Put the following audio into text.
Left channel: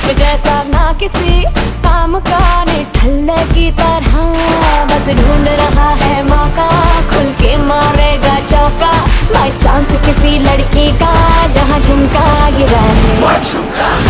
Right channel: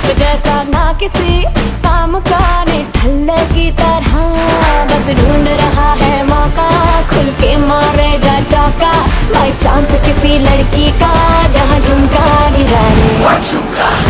धूप जैसा ना किसी काम का, निठल्ले की तरह बस ढूंढ रहा है मौका, खुल के मारेगा चौका बाई चांस किसी लड़की का, जहाँ झुमका गिरा रे।